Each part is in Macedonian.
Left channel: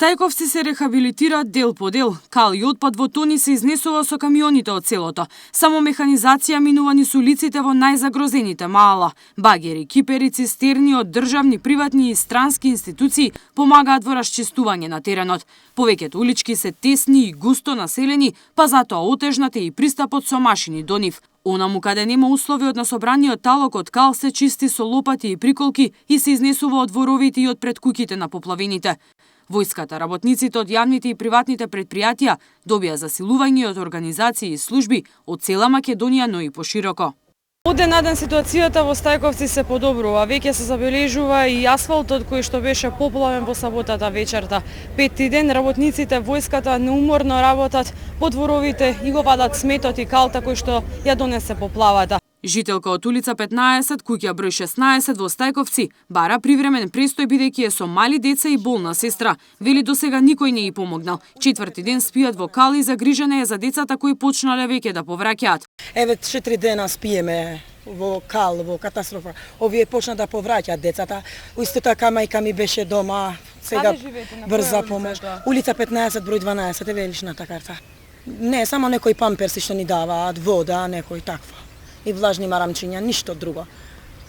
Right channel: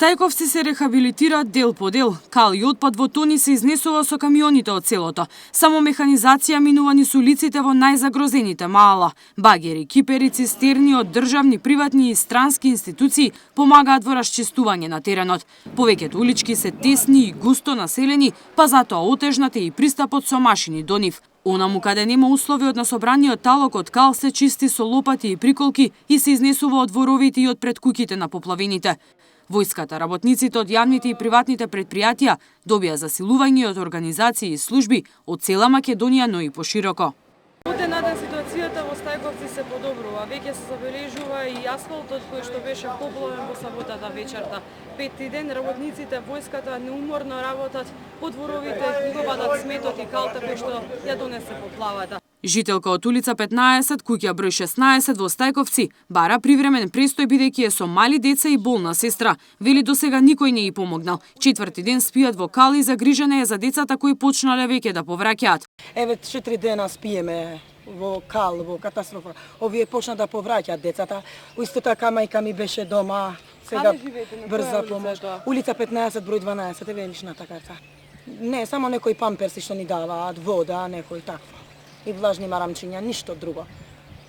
Стајковци се рехабилитираат дел по дел. Кал и отпад во тони се изнесува со камионите од селото. Само механизација минувани со улиците во најзагрозените маала. Багери, кипери, цистерни од државни, приватни и странски институции помагаат во расчистување на теренот. Повеќето улички се тесни и густо населени, па затоа отежнат е и пристапот со машини до нив. Онаму каде нема услови од насобраниот талок од кал се чисти со лопати и приколки и се изнесува од дворовите и од пред куќите на поплавените. Војската, работниците од јавните и приватните претпријатија добија засилување од организации и служби од цела Македонија, но и пошироко. Од ден на ден ситуацијата во Стајковци се подобрува. Веќе се забележува и асфалтот кој што беше поплавен во саботата вечерта. Петти ден работниците војската неуморно работат по дворовите и го вадат сметот и калта кој што ја донесе поплавата. Жителка од улица 15, куќа број 16 во Стајковци, бара привремен престој бидејќи е со мали деца и болна сестра. Вели досега никој не ја помогнал. Четврти ден спијат во кал и загрижена е за децата кои почнале веќе да повраќаат. Еве 4 дена спиеме во кал, во катастрофа. Овие почна да повраќаат децата. Исто така мајка ми беше дома. Сега брза помош. Улица 15 број 12 е величната карта. Не, само некои памперси што ни даваат, вода, некој таква. И влажни марамчиња, ништо друго.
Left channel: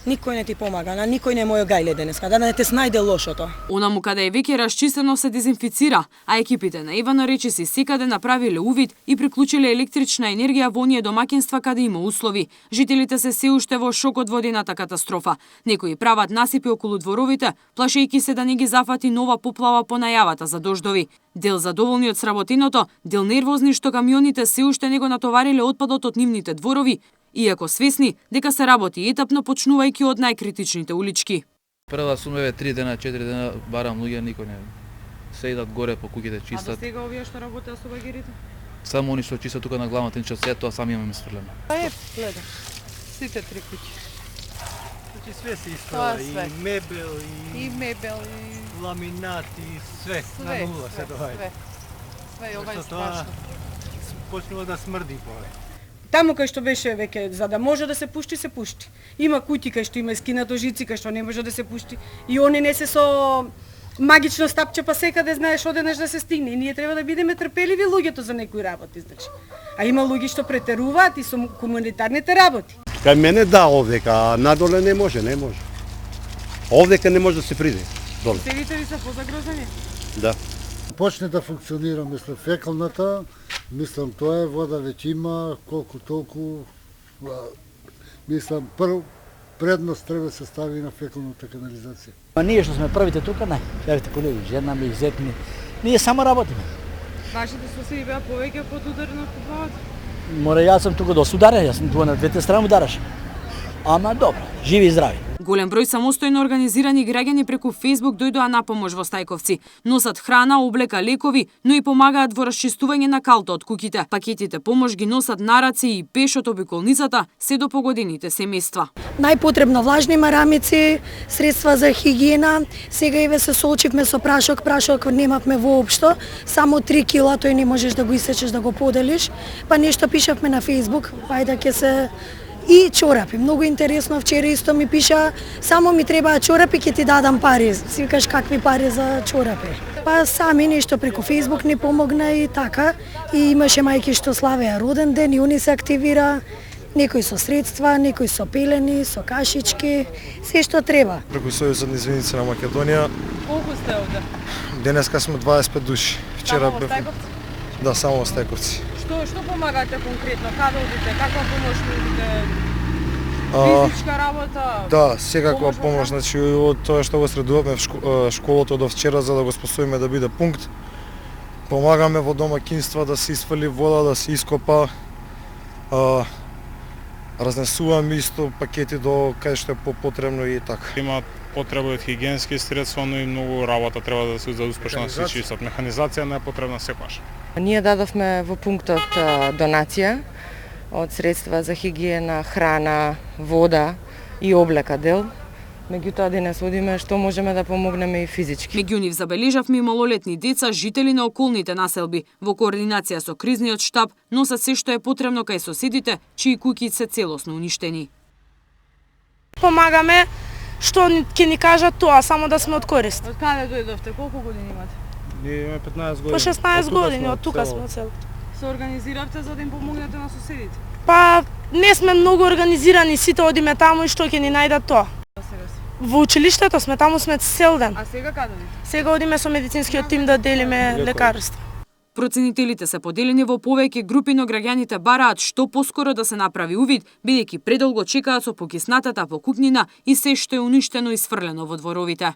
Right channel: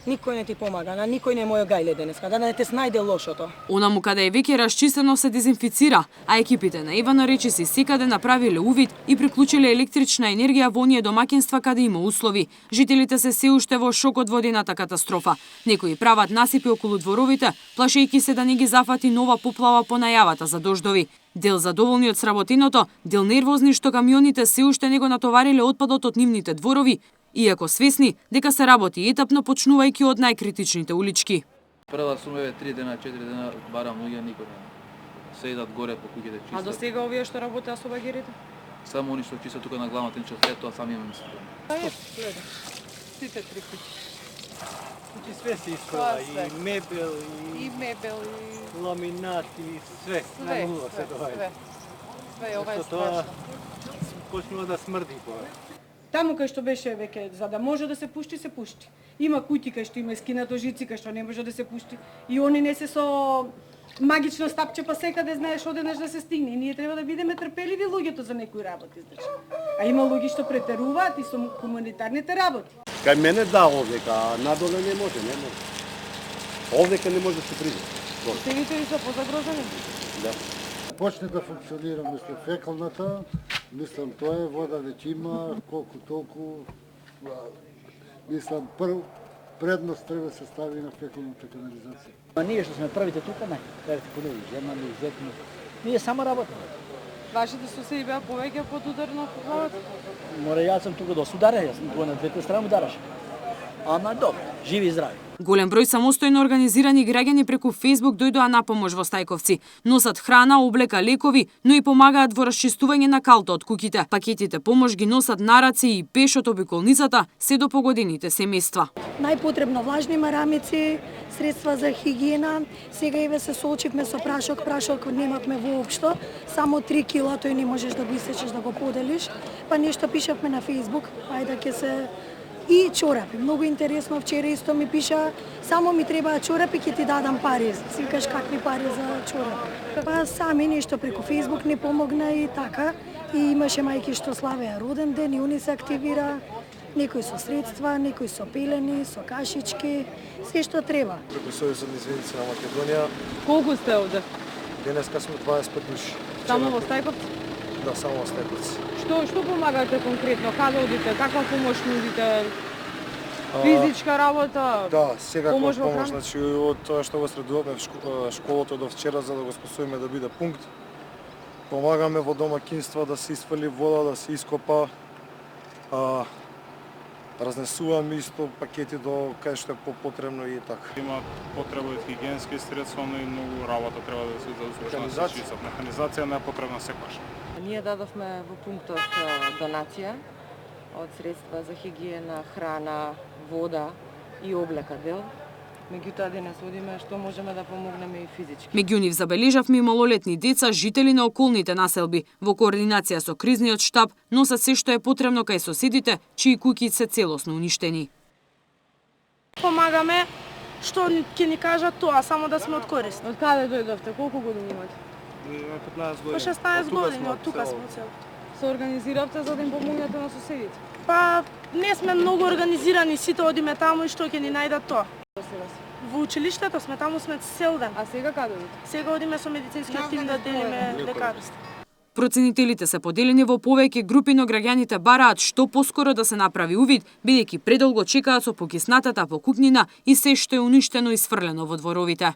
Никој не ти помага, на никој не мој гајле денеска, да не те снајде лошото. Онаму каде е веќе расчистено се дезинфицира, а екипите на Ивана Речиси секаде направиле увид и приклучиле електрична енергија во оние домаќинства каде има услови. Жителите се уште во шок од водената катастрофа. Некои прават насипи околу дворовите, плашејќи се да не ги зафати нова поплава по најавата за дождови. Дел задоволни од сработеното, дел нервозни што камионите се уште не го натовариле отпадот од нивните дворови, иако свесни дека се работи етапно почнувајќи од најкритичните улички. Прва сум 3 дена, 4 дена барам луѓе, никој не. Се идат горе по куќите чистат. А до сега овие што работеа со багерите? Само они што чистат тука на главната ничто, се тоа сами имаме сфрлено. Гледа. Сите 3 куќи. Значи све се искала, и мебел, и ламинат, и све, на нула се доаѓа. Све, ова е страшно. Почнува да смрди повеќе. Таму кај што беше веќе за да може да се пушти, се пушти. Има куќи кај што има скинато жици кај што не може да се пушти. И они не се со магично стапче па секаде знаеш одеднаш да се стигне. И ние треба да бидеме трпеливи луѓето за некои работи, значи. А има луѓе што претеруваат и со комунитарните работи. Кај мене да овдека, а надоле не може. Овдека не може да се приде. Стевите ли се позагрозени? Да. Почне да функционира, мислам, фекалната, мислам, тоа е, вода веќе има, колку толку, мислам, предност треба да се стави на фекалната канализација. А ние што сме првите тука, не, јавите колеги, жена ми, зет ми, ние само работиме. Вашите соседи беа повеќе под удар на поплавата? Море, јас сум тука до ударен, јас сум тука на двете страни удараш. Ама добро, живи и здрави. Голем број самостојно организирани граѓани преку Facebook дојдоа на помош во Стајковци. Носат храна, облека, лекови, но и помагаат во расчистување на калта од куќите. Пакетите помош ги носат на раце и пеш од обиколницата се до погодените семејства. Најпотребно влажни марамици, средства за хигиена. Сега еве се соочивме со прашок немавме воопшто, само 3 кила, тој не можеш да го исечеш да го поделиш. Па нешто пишавме на Facebook, ајде ќе се и чорапи. Многу интересно, вчера исто ми пиша, само ми требаат чорапи, ќе ти дадам пари. Си кажеш какви пари за чорапи. Па сами нешто преку Facebook ни помогна и така. И имаше мајки што славеа роден ден и они се активира. Некои со средства, некои со пелени, со кашички, се што треба. Преку Сојузот на извиници на Македонија. Колку сте овде? Денеска сме 25 души. Вчера само во Стајковци? Да, само во Стајковци. Што помагате конкретно? Каде одите? Каква помош нудите? Физичка работа? Да, секаква помош, значи од тоа што го средуваме в школото до вчера за да го способиме да биде пункт. Помагаме во домаќинства да се isфрли вода, да се ископа. Разнесуваме исто пакети до кај што е потребно и така. Има потреба од хигиенски средства, но и многу работа треба да се успешно да се чистат. Механизација не е потребна секогаш. Ние дадовме во пунктот донација од средства за хигиена, храна, вода и облека дел. Меѓутоа денес одиме што можеме да помогнеме и физички. Меѓу нив забележавме и малолетни деца, жители на околните населби. Во координација со кризниот штаб носат се што е потребно кај соседите, чии куќи се целосно уништени. Помагаме што ќе ни кажат тоа, само да сме од корист. Од каде дојдовте? Колку години имате? Ние имаме 15 години. По 16 години, од тука сме од селото. Се организиравте за да им помогнете на соседите? Па, не сме многу организирани, сите одиме таму и што ќе ни најдат тоа. Во училиштето сме, таму сме цел ден. А сега каде одите? Сега одиме со медицинскиот тим да делиме лекарства. Проценителите се поделени во повеќе групи, но граѓаните бараат што поскоро да се направи увид, бидејќи предолго чекаат со покиснатата покукнина и се што е уништено и сфрлено во дворовите.